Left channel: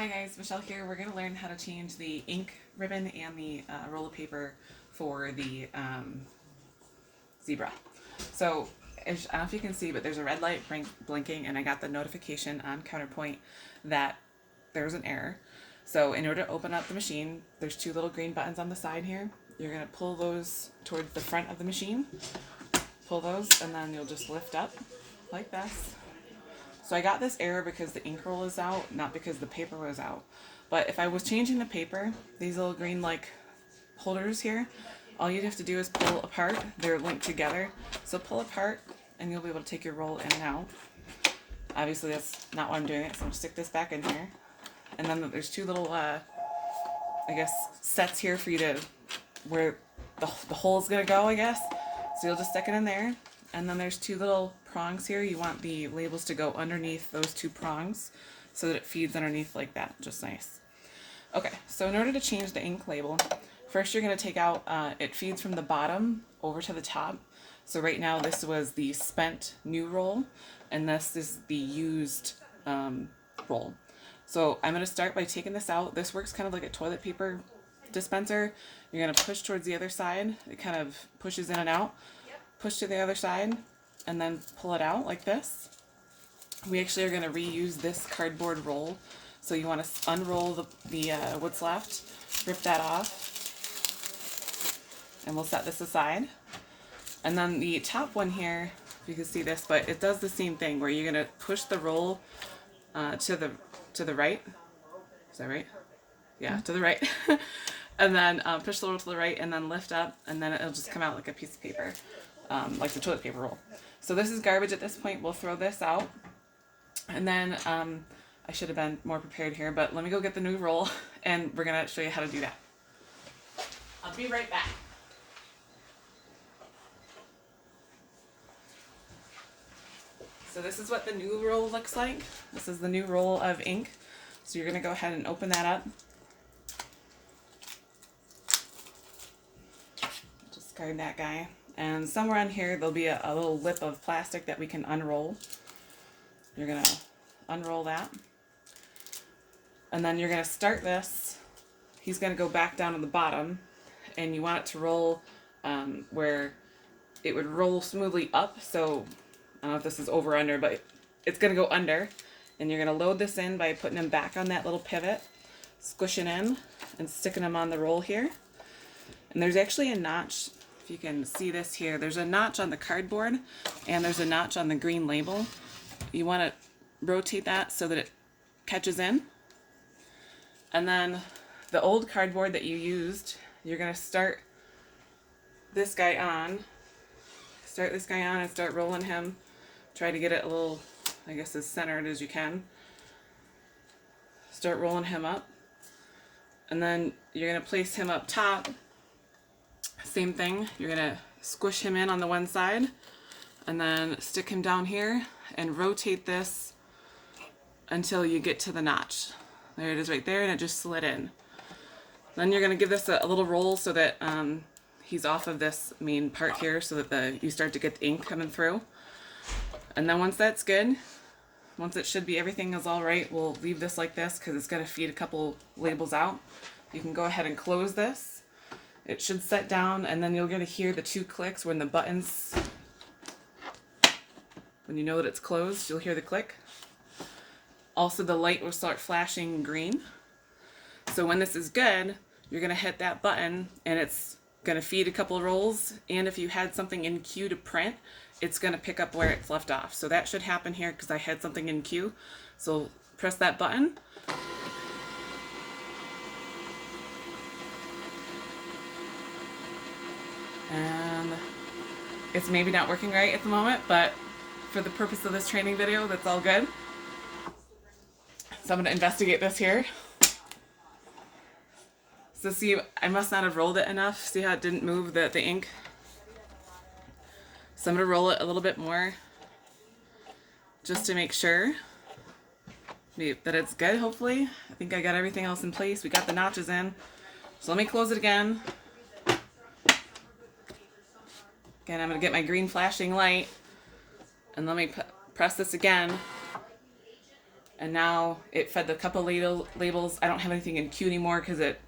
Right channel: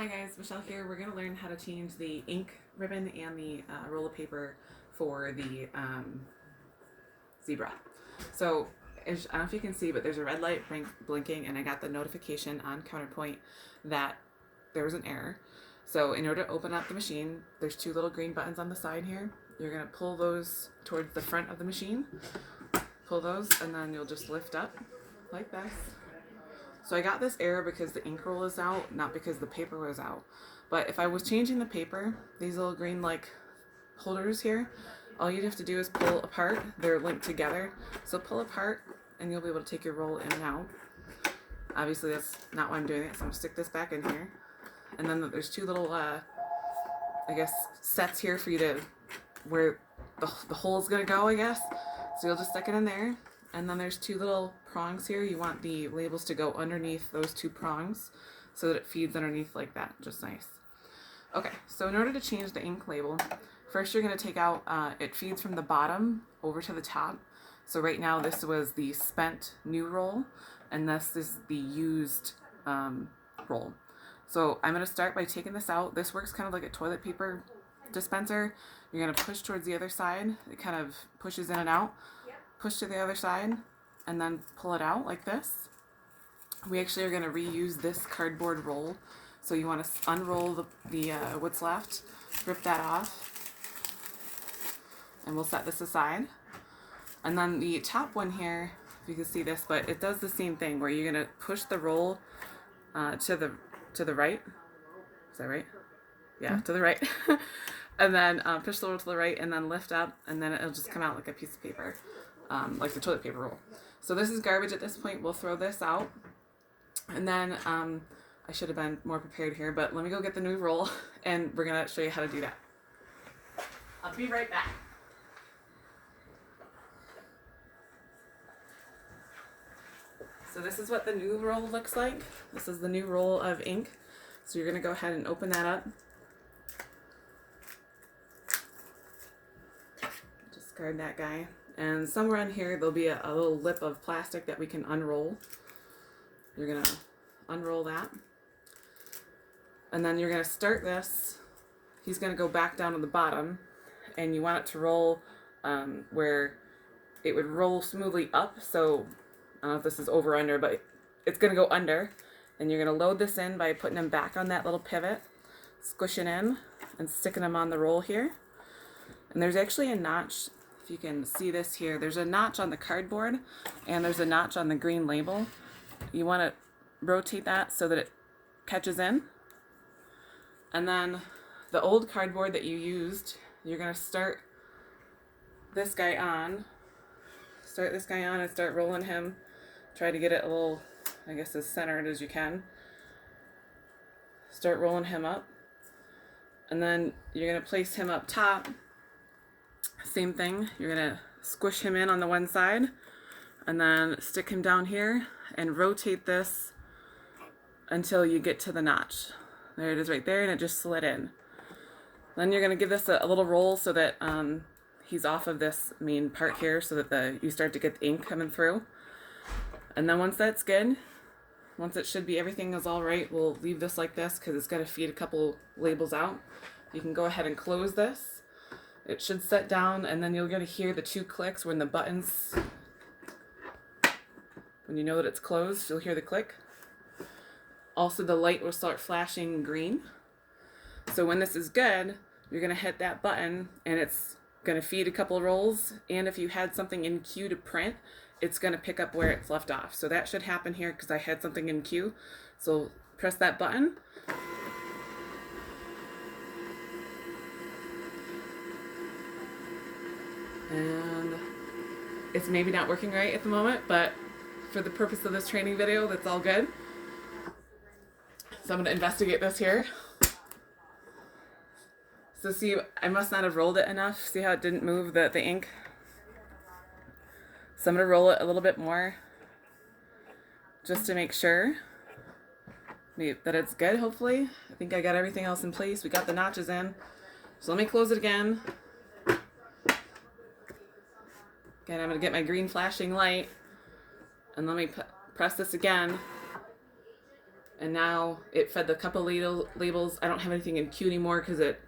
Hi guys, Michelle here. We're going to learn how to change the ink ribbon and the roll of paper for the zebra. So, I don't know if you can see, but there's a red light blinking, and I got the notification on Counterpoint that there's an error. So, in order to open up the machine, there's two little green buttons on the side here. You're going to pull those towards the front of the machine. Pull those, and then you'll just lift up like this. So I got this error because the ink roll is out, not because the paper was out. But if I was changing the paper, these little green like holders here, all you'd have to do is pull apart. They're linked together. So pull apart and you'll be able to take your roll in and out. Obviously that's not why I'm doing it, so I'm going to stick this back in here. And then there's two little, I guess, sets here for you to, where the hole is going to go, I guess. So you'll just stick it in there. And then there's two little prongs here. You want the labels to go underneath those two prongs so that it feeds underneath like that. Just nice. Okay, so in order to change the ink label, first you're going to take out, it feeds from the bottom over to the top. So right now this was the spent new roll, and this is the used roll. So I'm going to start by taking this out. This works kind of like a toilet paper dispenser. You're going to push towards the other side. It kind of pushes in and out. Push to the other side and then pull it out like this. We actually are going to reuse this cardboard roll. So you want to unroll the what's left, rip that off, and we'll set this aside. And then the top one here, if you can see this, but it does the same thing where you're going to push the roll to the right. Is that right? Yeah, to the right. And then push the roll to the right and then lift up, and then it'll just come out like a piece of paper. Like the toilet paper roll. So this is garbage at this point. We'll throw this out. And then I should have been more prepared here, but let me go get the new roll and we're going to show you how to do that. I'll be right back. So this is what the new roll looks like. This is the new roll of ink. So you're going to go ahead and open that up. Discard that guy. And somewhere on here there'll be a little lip of plastic that we can unroll. You're going to unroll that. And then you're going to start this. He's going to go back down to the bottom. And you want it to roll where it would roll smoothly up. So I don't know if this is over or under, but it's going to go under. And you're going to load this in by putting him back on that little pivot, squishing in and sticking him on the roll here. And there's actually a notch. You can see this here. There's a notch on the cardboard and there's a notch on the green label. You want to rotate that so that it catches in. And then the old cardboard that you used, you're going to start this guy on. Start this guy on and start rolling him. Try to get it a little, I guess, as centered as you can. Start rolling him up. And then you're going to place him up top. Same thing, you're going to squish him in on the one side and then stick him down here and rotate this until you get to the notch. There it is right there, and it just slid in. Then you're going to give this a little roll so that he's off of this main part here so that you start to get the ink coming through. And then once that's good, once it should be everything is all right, we'll leave this like this because it's going to feed a couple labels out. You can go ahead and close this. It should set down, and then you're going to hear the two clicks when the buttons, when you know that it's closed, you'll hear the click. Also, the light will start flashing green. So when this is good, you're going to hit that button, and it's going to feed a couple of rolls, and if you had something in queue to print, it's going to pick up where it's left off. So that should happen here because I had something in queue. So press that button. And it's maybe not working right at the moment, but for the purpose of this training video, that's all good. So I'm going to investigate this here. So see, I must not have rolled it enough. See how it didn't move the ink? So I'm going to roll it a little bit more just to make sure that it's good, hopefully. I think I got everything else in place. We got the notches in. So let me close it again. Again, I'm going to get my green flashing light, and let me press this again, and now it fed the couple labels. I don't have anything in queue anymore because it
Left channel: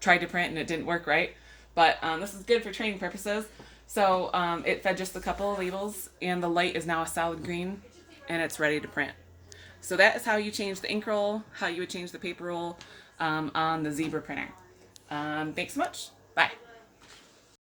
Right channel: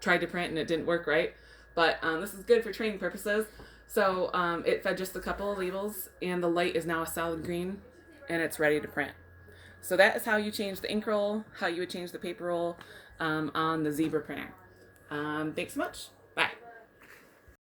tried to print and it didn't work right. But this is good for training purposes. So it fed just a couple of labels, and the light is now a solid green, and it's ready to print. So that is how you change the ink roll, how you would change the paper roll on the Zebra printer. Thanks so much. Bye.